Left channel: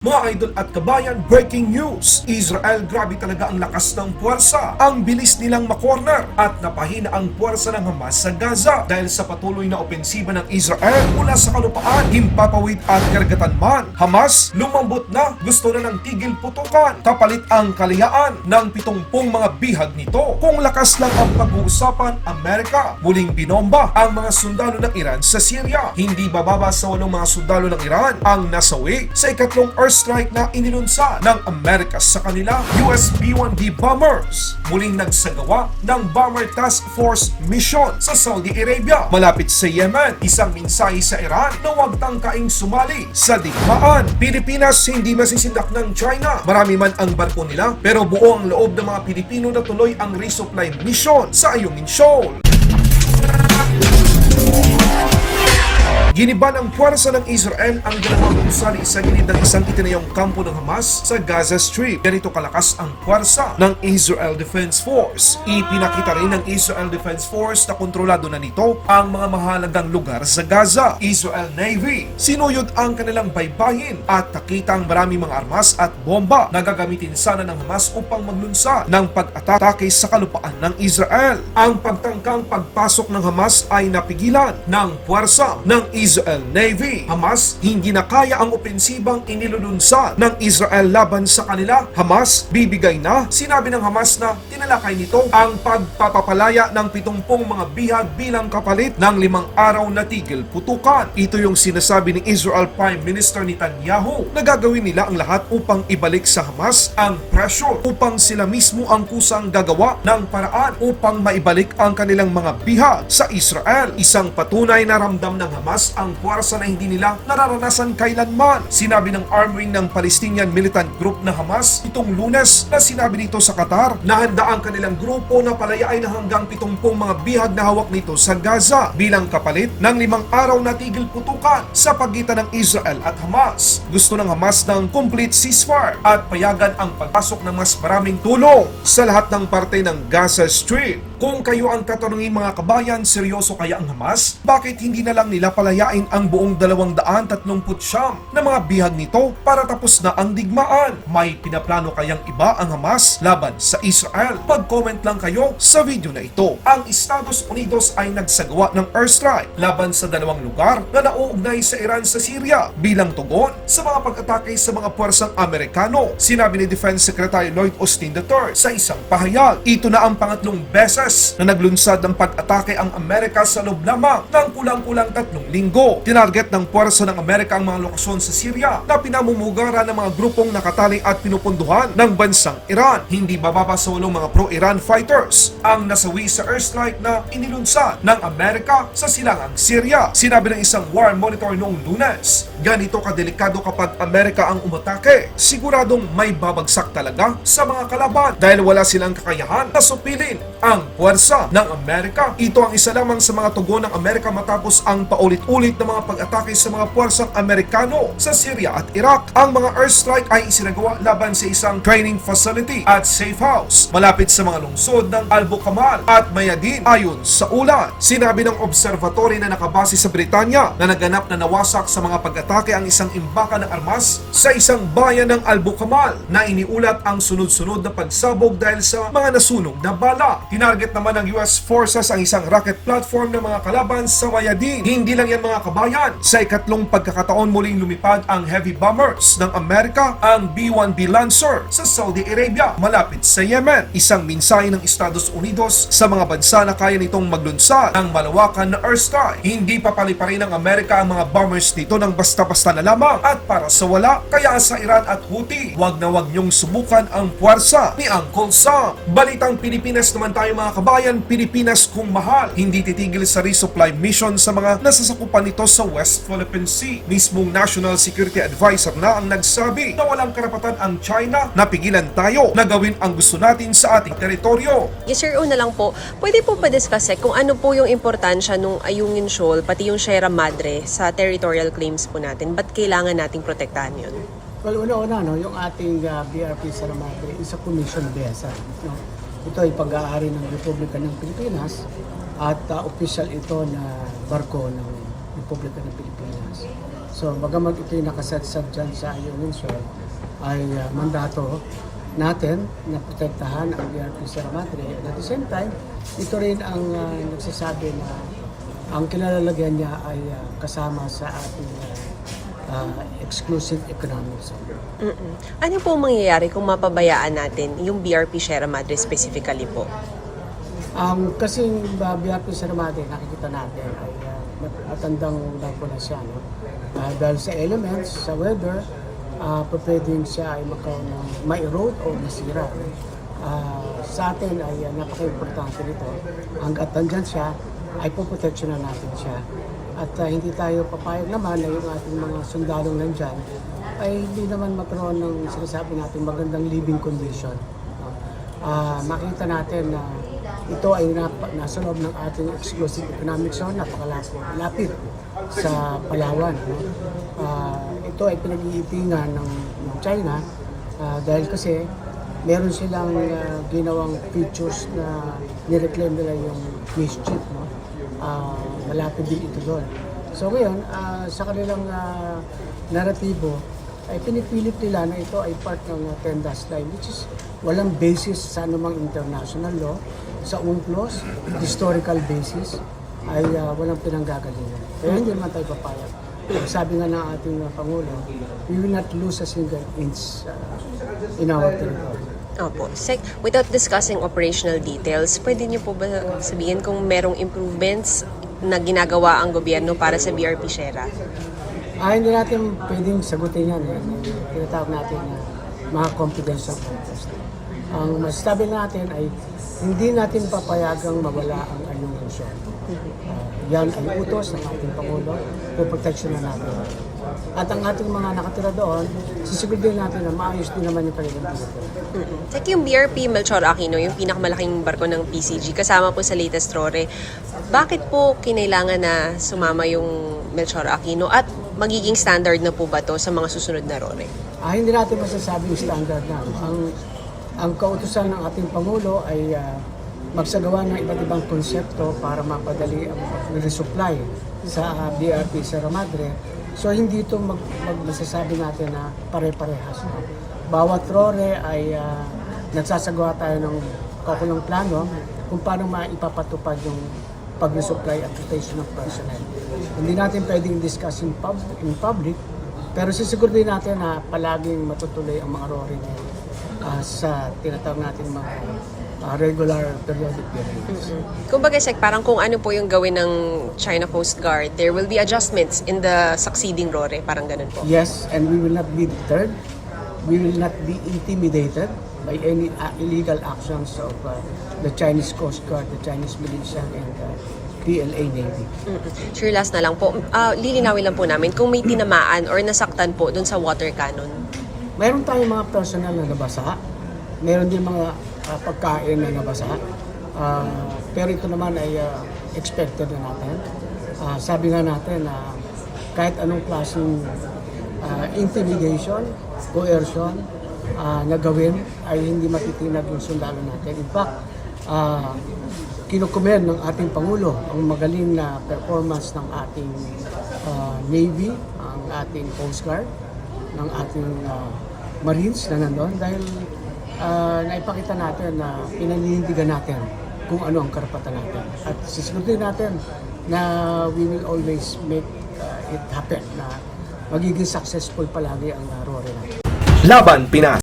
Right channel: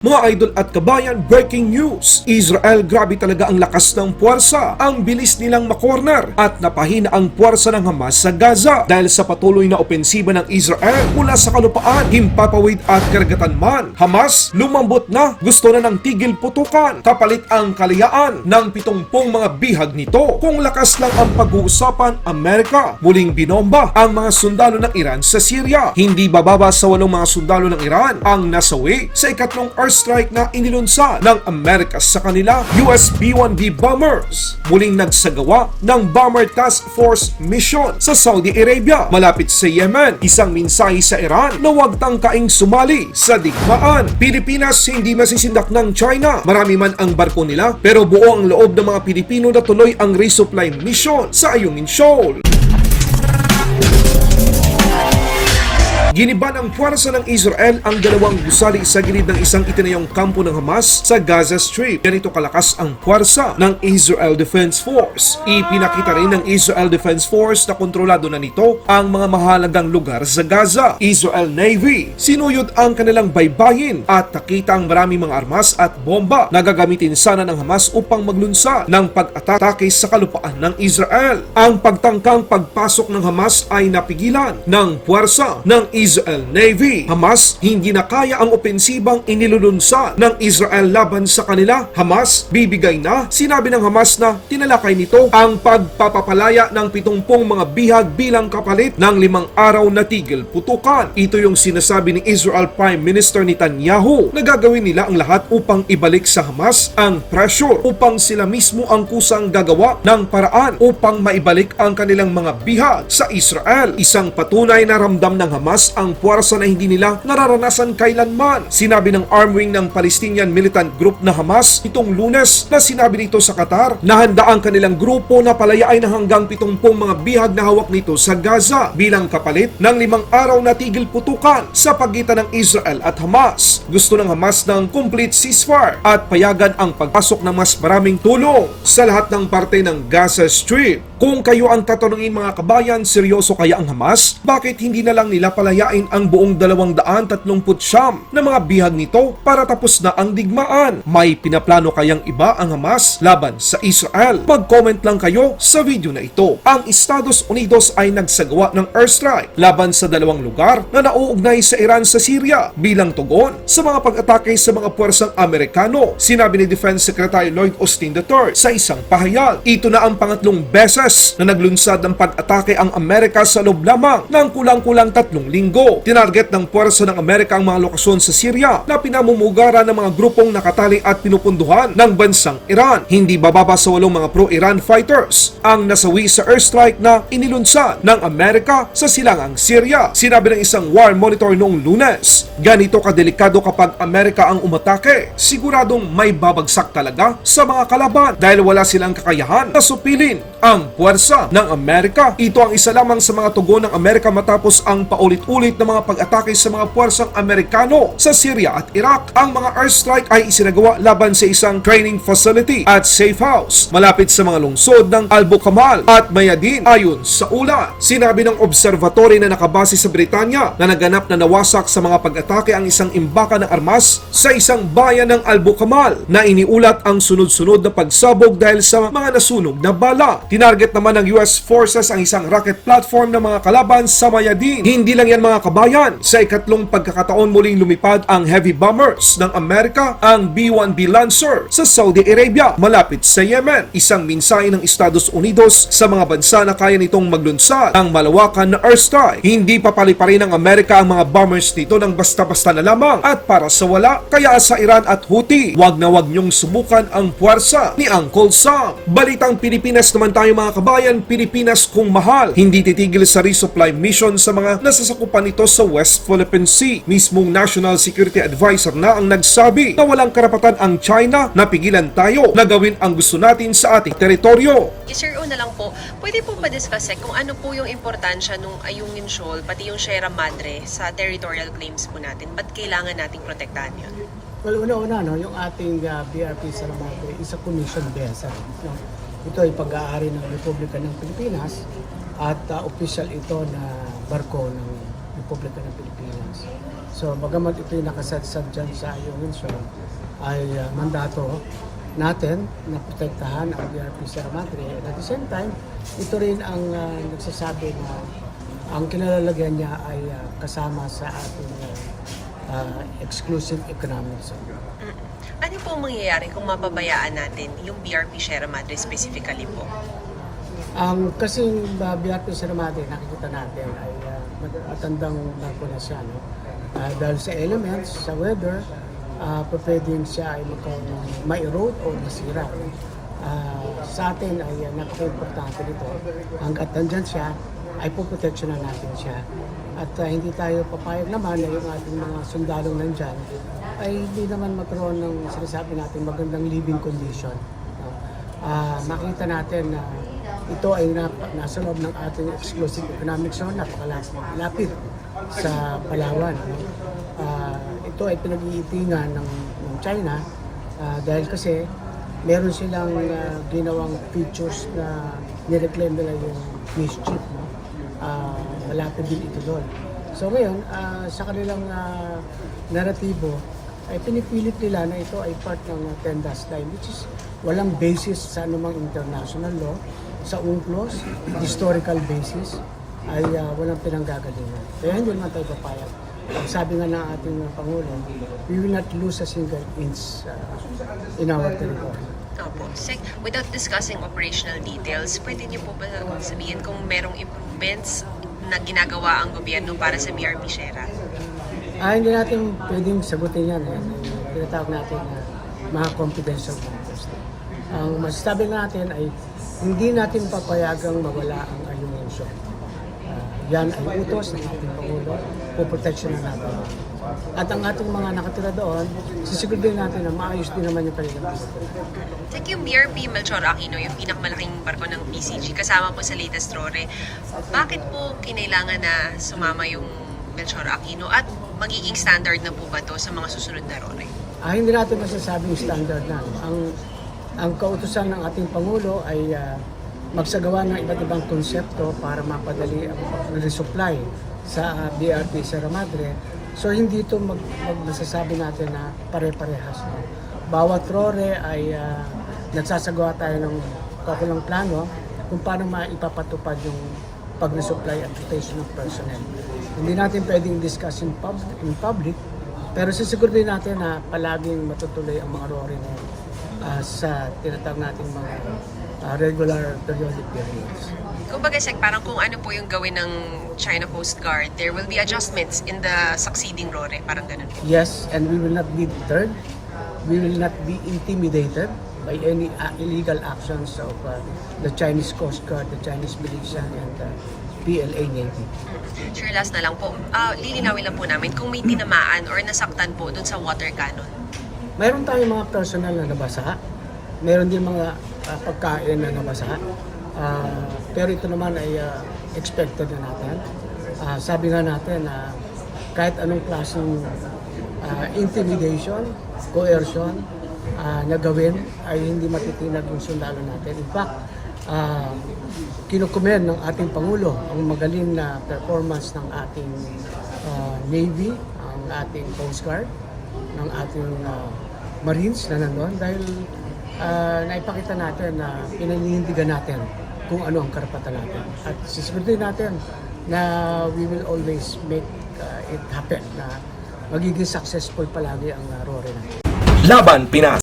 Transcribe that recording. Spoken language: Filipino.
Mga idol at kabayan, breaking news! Israel, grabe talaga ang lakas ng puwersa. Ang bilis nilang makorner at napahina ang puwersa ng Hamas sa Gaza dahil sa patuloy na opensiba ng Israel mula sa kalupaan, himpapawid at karagatan man. Hamas, lumambot na, gusto na ng tigil putukan, kapalit ang kalayaan ng pitongpong mga bihag nito. Kung lakas lang ang pag-uusapan, Amerika, muling binomba ang mga sundalo ng Iran sa Syria. Hindi bababa sa walong mga sundalo ng Iran ang nasawi sa ikatlong airstrike na inilunsad ng Amerika sa kanila US B-1B bombers. Muling nagsagawa ng Bomber Task Force mission sa Saudi Arabia malapit sa Yemen. Isang mensahe sa Iran na huwag tangkaing sumali sa digmaan. Pilipinas hindi masisindak ng China. Marami man ang barko nila pero buo ang loob ng mga Pilipino na tuloy ang resupply mission sa Ayungin Shoal. Giniba ng puwersa ng Israel ang dalawang gusali sa gilid ng isang itinayong kampo ng Hamas sa Gaza Strip. Ganito kalakas ang puwersa ng Israel Defense Force. Ipinakita rin ng Israel Defense Force na kontrolado na nito ang mga mahalagang lugar sa Gaza. Israel Navy sinuyod ang kanilang baybayin at nakita ang maraming mga armas at bomba na gagamitin sana ng Hamas upang maglunsa ng pag-atake sa kalupaan ng Israel. Ang pagtangkang pagpasok ng Hamas ay napigilan ng puwersa ng Israel Navy. Hamas hindi na kaya ang opensibang inilulunsa ng Israel laban sa kanila. Hamas bibigay na. Sinabi ng Hamas na tinalakay nito ang pagpapapalaya ng 70 mga bihag bilang kapalit ng limang araw na tigil putukan. Ito yung sinasabi ni Israel Prime Minister Netanyahu na gagawin nila ang lahat upang ibalik sa Hamas ang pressure upang sila mismo ang kusang gagawa ng paraan upang maibalik ang kanilang mga bihag sa Israel. Isang patunay na ramdam ng Hamas ang puwersa na hindi nila nararanasan kailanman. Sinabi ng arm wing ng Palestinian militant group na Hamas itong lunes na sinabi nito sa Qatar na handa ang kanilang grupo na palayain na hanggang 70 mga bihag na hawak nito sa Gaza bilang kapalit ng limang araw na tigil putukan sa pagitan ng Israel at Hamas. Gusto ng Hamas ng complete ceasefire at payagan ang pagpasok ng mas maraming tulong sa lahat ng parte ng Gaza Strip. Kung kayo ang tatanungin mga kabayan, seryoso kaya ang Hamas? Bakit hindi na lang nila palayain ang buong 239 na mga bihag nito para tapos na ang digmaan? May pinaplano kayang iba ang Hamas laban sa Israel? Mag-comment lang kayo sa video na ito. Ang Estados Unidos ay nagsagawa ng airstrike laban sa dalawang lugar na nauugnay sa Iran sa Syria bilang tugon sa mga pag-atake sa mga puwersang Amerikano. Sinabi ni Defense Secretary Lloyd Austin III sa isang pahayag. Ito na ang pangatlong beses na naglunsad ng pag-atake ang Amerika sa loob lamang ng kulang-kulang tatlong linggo. Tinarget ng puwersa ng Amerika ang mga lokasyon sa Syria na pinamumugaran ng mga grupong nakatali at pinupunduhan ng bansang Iran. Hindi bababa sa walong mga pro-Iran fighters ang nasawi sa airstrike na inilunsad ng Amerika sa silangang Syria. Sinabi ng isang war monitor noong lunes, ganito kadelikado kapag Amerika ang umatake. Siguradong may babagsak talaga sa mga kalaban dahil wala silang kakayahan na supilin ang puwersa ng Amerika. Ito ang isa lamang sa mga tugon ng Amerika matapos ang paulit-ulit na mga pag-atake sa mga puwersang Amerikano sa Syria at Iraq. Ang mga airstrike ay isinagawa laban sa isang training facility at safe house malapit sa mga lungsod ng Albo Kamal at Mayadin ayon sa ulat. Sinabi ng observatory na nakabase sa Britanya na naganap na nawasak sa mga pag-atake ang isang imbaka ng armas sa isang bayan ng Albo Kamal na iniulat ang sunod-sunod na pagsabog dahil sa mga nasunog na bala. Tinarget naman ng US Forces ang isang rocket platform ng mga kalaban sa Mayadin. Hindi lang yan mga kabayan. Sa ikatlong pagkakataon muling lumipad ang heavy bombers ng Amerika, ang B-1B Lancer sa Saudi Arabia malapit sa Yemen. Isang mensahe ng Estados Unidos sa mga bansa na kaya nitong maglunsad ng malawakan na airstrike. Hindi papaliparin ng Amerika ang mga bombers nito ng basta-basta na lamang at para sa wala. Kaya sa Iran at Houthi, wag na wag niyong subukan ang puwersa ni Uncle Sam. Balitang Pilipinas naman tayo mga kabayan, Pilipinas kung mahal. Hindi titigil sa resupply mission sa mga nasasakupan nito sa West Philippine Sea. Mismong National Security Advisor na ang nagsabi na walang karapatan ang China na pigilan tayo na gawin ang gusto natin sa ating teritoryo. Yes sir, una lang po, pwede po ba-discuss eh, kung ano po yung importansya nung Ayungin Shoal, pati yung Sierra Madre sa territorial claims po natin? Ba't kailangan nating protektahan yun? Well, una-una, no, yung ating uh, BRP sa Madre is a commission vessel. No? Ito ay pag-aari ng Republika ng Pilipinas at uh, official ito na barko ng Republika ng Pilipinas. So, bagamat ito yung nakasadsad dyan sa Shore, ay uh, mandato natin na protektahan ang BRP Sierra Madre. And at the same time, ito rin ang uh, nagsasabi na ang kinalalagyan niya ay uh, kasama sa ating uh, uh, exclusive economic zone. Mm-mm. Ano po mangyayari kung mapabayaan natin yung BRP Sierra Madre specifically po? Ang kasing uh, BRP Sierra Madre, nakikita natin ay uh, mat- matandang lago na siya. No? Ah, dahil sa elements, sa weather, uh, pwedeng siya ay ng ma-erode o masira. No? Ah, sa atin ay uh, napaka-importante nito. Hanggat nandyan siya, ay puproteksyonan natin siya. At ah, hindi tayo papayag naman na yung ating mga sundalong nandyan ay hindi naman magkaroon ng sinasabi natin magandang living condition. No? Ah, makita natin na ito ay nap- nasa loob ng ating exclusive economic zone, napakalapit lapit sa Palawan. No? Ah, ito ay pinag-iitingan ng, ng China ah, dahil kasi meron silang ah, ginawang features na nireclaim nila yung mischief. No? Ah, malapit din ito doon. So ngayon, ah, sa kanilang ah, naratibo, ay pinipilit nila na ito ay part ng uh, Tendas Line which is walang basis sa anumang international law, sa UNCLOS, historical basis, ay uh, walang pinanggagalingan. Kaya hindi naman tayo papayag. Ang sabi nga ng ating uh, Pangulo, we will not lose a single inch uh, in our territory. Opo. Sec, without discussing operational details, pwede niyo po ba sabihin kung merong improvements na ginagawa ang gobyerno para sa BRP Sierra? Ah, hindi natin pwedeng sagutin yan. Eh. Tinatawag natin na mga confidential matters. Ang masasabi natin ay hindi natin papayagang mawala ang alimusyon. Ah, yan ay utos ng ating Pangulo, puproteksyon na natin. At ang ating mga nakatira doon, sisiguraduhin natin na maayos din naman yung kanilang pinatira. Mm. Sec, yung BRP Melchor Aquino, yung pinakamalaking barko ng PCG, kasama po sa latest RORE, bakit po kinailangan na sumama yung Melchor Aquino at magiging standard na po ba to sa mga susunod na RORE? Ah, hindi natin masasabing standard na. no? Ang, ang kautusan ng ating Pangulo ay ah, magsagawa ng iba't ibang konsepto para mapadali ang resupply sa ah, BRP Sierra Madre. So hindi ito mag, mag masasabi natin na pare-parehas. No? Bawat rore ay ah, nagsasagawa tayo ng kakulang plano kung paano maipapatupad yung pag-resupply at rotation of personnel. Hindi natin pwedeng discuss in, pub- in public pero sisiguraduhin natin na palaging matutuloy ang mga RORE na ah, sa tinatawag nating mga ah, regular periodic periods. Kumbaga, Sec, parang kung ano po yung gawin ng China Coast Guard, there will be adjustments in the succeeding RORE. Parang ganun po. Yes, and we will not be deterred. We will not be intimidated by any uh, illegal actions of uh, the Chinese Coast Guard, the Chinese militia, and uh, PLA Navy. Mm-mm. Sure, last na lang po. Ah, lilinawin lang po namin kung may tinamaan or nasaktan po dun sa water cannon. Mayroon tayong mga personal na nabasa. Mayroon din mga ah, pagkain na nabasa. Ah, pero ito naman ay ah, expected na natin. Ah, sabi nga natin na kahit anong klaseng ah, intimidation, coercion ah, na gawin ay hindi matitinag yung sundalo natin. In fact, ah, kinukumen ng ating Pangulo ang magaling na performance ng ating ah, Navy, ang ating Coast Guard, ng ating ah, Marines na nandun dahil ah, naipakita natin na pinaninindigan natin kung ano ang karapatan natin. At sisiguraduhin natin na we will always make ah, it happen na magiging successful palagi ang uh, RORE natin. Laban Pinas